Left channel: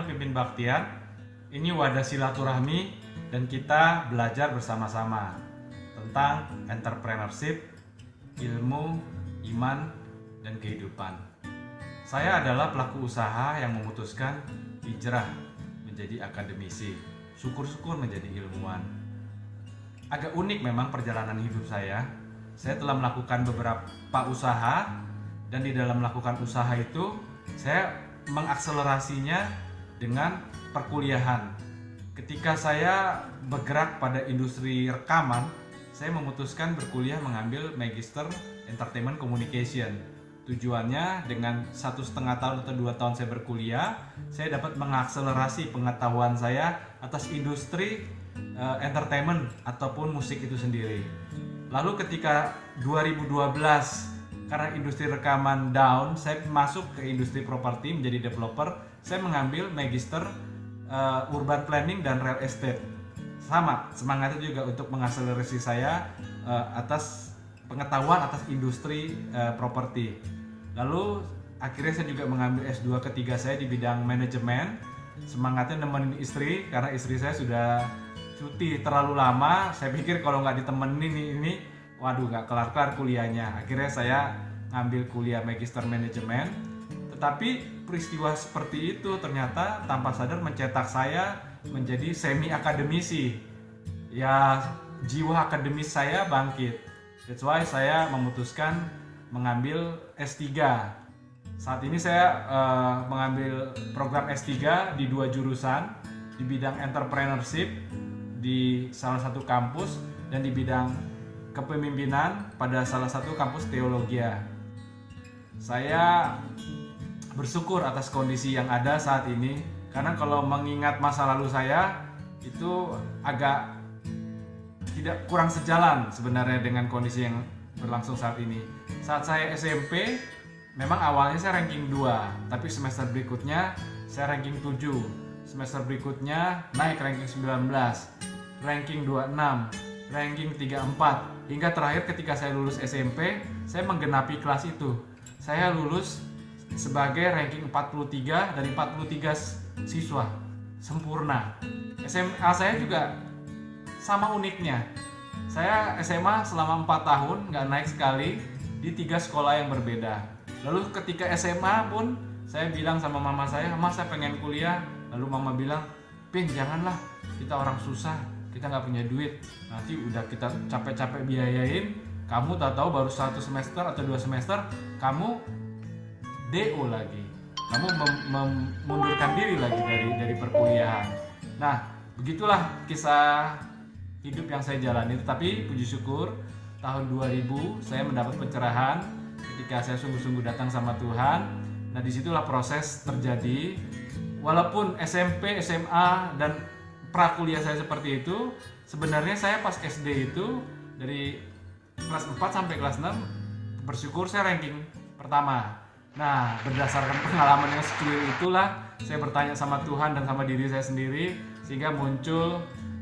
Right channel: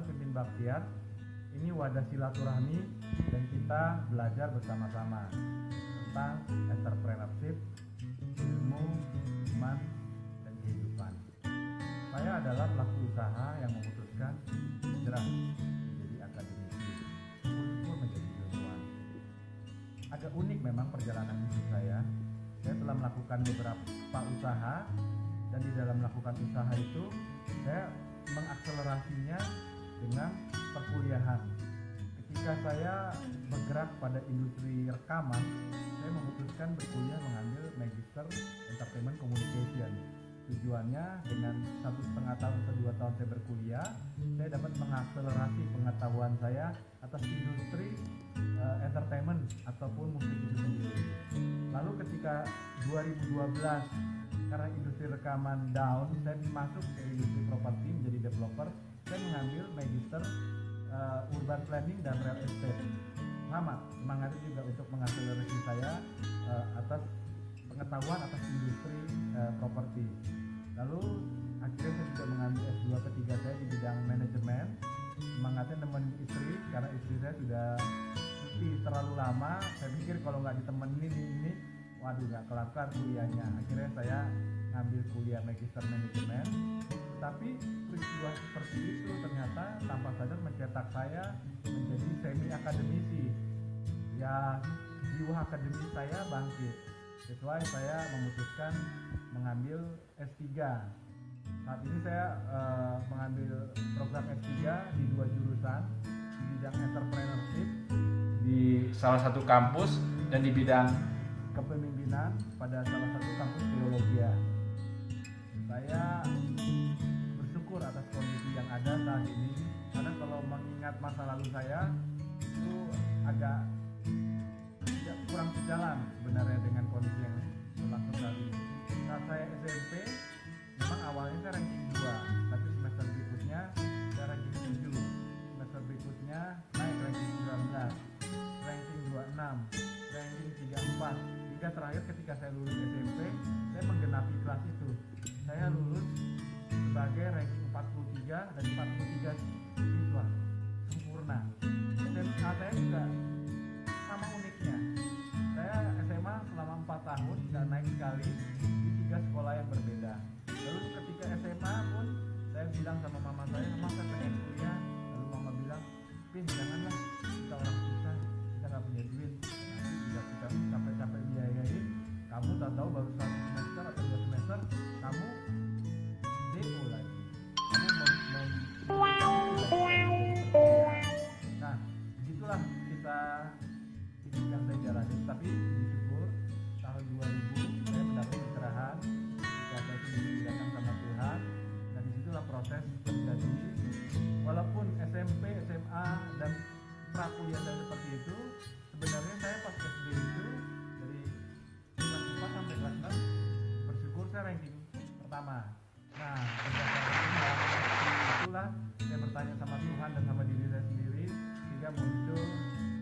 channel Pimpin Baktian. Ini wadah silaturahmi dan kita belajar bersama-sama tentang entrepreneurship, ilmu, iman, dan kehidupan. Saya adalah pelaku usaha yang memutuskan hijrah menjadi akademisi, syukur-syukur menjadi ilmuwan. Agak unik memang perjalanan hidup saya. Saya telah melakukan beberapa usaha, dan di dalam melakukan usaha itu saya mengakselerasinya dengan perkuliahan. Ketika saya bergerak pada industri rekaman, saya memutuskan berkuliah mengambil Magister Entertainment Communication. Tujuannya dengan 1,5 tahun atau 2 tahun saya berkuliah, saya dapat mengakselerasi pengetahuan saya atas industri entertainment ataupun musik itu sendiri. Lalu ketika 2012, karena industri rekaman down, saya masuk ke industri properti menjadi developer. Saya mengambil Magister Urban Planning dan Real Estate. Sama, semangatnya juga untuk mengakselerasi saya atas pengetahuan atas industri properti. Lalu akhirnya saya juga mengambil S2 ketiga saya di bidang manajemen. Semangatnya nemenin istri, karena istri saya sudah cuti terlalu lama. Saya pikir kalau nggak ditemenin ini, waduh, nggak kelar-kelar kuliahnya. Akhirnya saya ngambil kuliah Magister Manajemen. Tetapi peristiwa seperti itu ternyata tanpa sadar mencetak saya menjadi semi akademisi. Ya, jiwa akademis saya bangkit. That's why saya memutuskan mengambil S3. Saat ini saya mengambil program S3 di 2 jurusan, di bidang entrepreneurship di salah satu kampus dan di bidang kepemimpinan pada salah satu kampus teologia. Saya bersyukur atas kondisi yang ada saat ini, karena kalau mengingat masa lalu saya itu agak tidak kurang sejalan sebenarnya dengan kondisi yang berlangsung saat ini. Saat saya SMP, memang awalnya saya ranking 2, tapi semester berikutnya saya ranking 7. Semester berikutnya naik ranking 19, ranking 26, ranking 34, hingga terakhir ketika saya lulus SMP, saya menggenapi kelas itu. Saya lulus sebagai ranking 43 dari 43 siswa, sempurna. SMA saya juga sama uniknya. Saya SMA selama 4 tahun nggak naik sekali di 3 sekolah yang berbeda. Lalu ketika SMA pun saya bilang sama mama saya, "Mama, saya pengen kuliah." Lalu mama bilang, "Pin, janganlah, kita orang susah, kita nggak punya duit, nanti udah kita capek-capek biayain, kamu tahu baru 1 semester atau 2 semester kamu DO lagi, kamu mengundurkan diri lagi dari perkuliahan." Nah, begitulah kisah hidup yang saya jalani. Tetapi puji syukur tahun 2000 saya mendapat pencerahan ketika saya sungguh-sungguh datang sama Tuhan. Nah, disitulah proses terjadi. Walaupun SMP, SMA, dan prakuliah saya seperti itu, sebenarnya saya pas SD itu dari kelas 4 sampai kelas 6 bersyukur saya ranking pertama. Nah, berdasarkan pengalamannya skill itulah saya bertanya sama Tuhan dan sama diri saya sendiri, sehingga muncul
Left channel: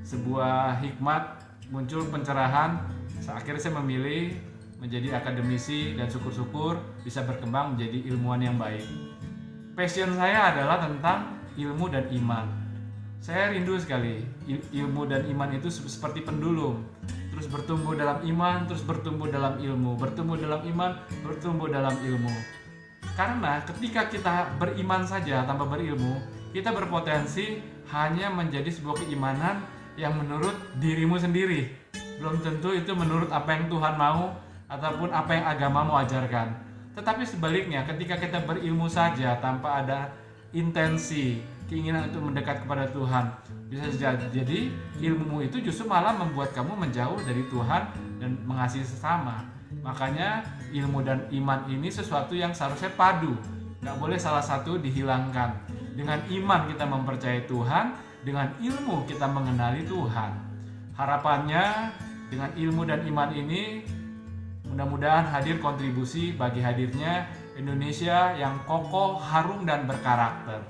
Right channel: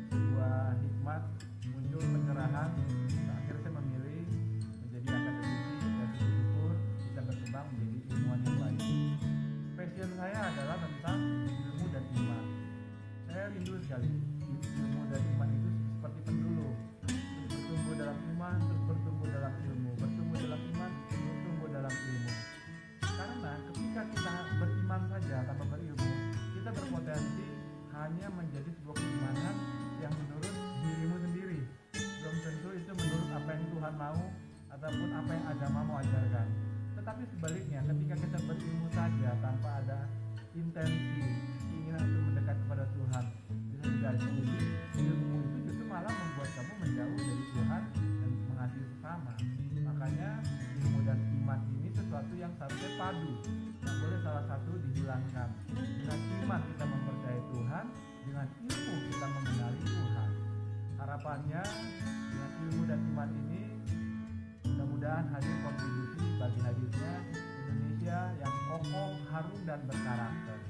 sebuah hikmat, muncul pencerahan. Akhirnya saya memilih menjadi akademisi dan syukur-syukur bisa berkembang menjadi ilmuwan yang baik. Passion saya adalah tentang ilmu dan iman. Saya rindu sekali ilmu dan iman itu seperti pendulum, terus bertumbuh dalam iman, terus bertumbuh dalam ilmu, bertumbuh dalam iman, bertumbuh dalam ilmu. Karena ketika kita beriman saja tanpa berilmu, kita berpotensi hanya menjadi sebuah keimanan yang menurut dirimu sendiri. Belum tentu itu menurut apa yang Tuhan mau ataupun apa yang agama mau ajarkan. Tetapi sebaliknya, ketika kita berilmu saja tanpa ada intensi, keinginan untuk mendekat kepada Tuhan, bisa jadi ilmu itu justru malah membuat kamu menjauh dari Tuhan dan mengasihi sesama. Makanya ilmu dan iman ini sesuatu yang seharusnya padu, gak boleh salah satu dihilangkan. Dengan iman kita mempercayai Tuhan, dengan ilmu kita mengenali Tuhan. Harapannya dengan ilmu dan iman ini mudah-mudahan hadir kontribusi bagi hadirnya Indonesia yang kokoh, harum, dan berkarakter.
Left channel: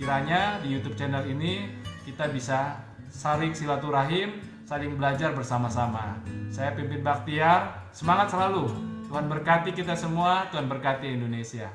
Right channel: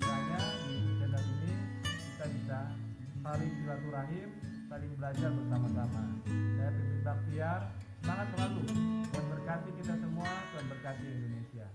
Kiranya di YouTube channel ini kita bisa saling silaturahim, saling belajar bersama-sama. Saya Pimpin Baktiar, semangat selalu. Tuhan berkati kita semua, Tuhan berkati Indonesia.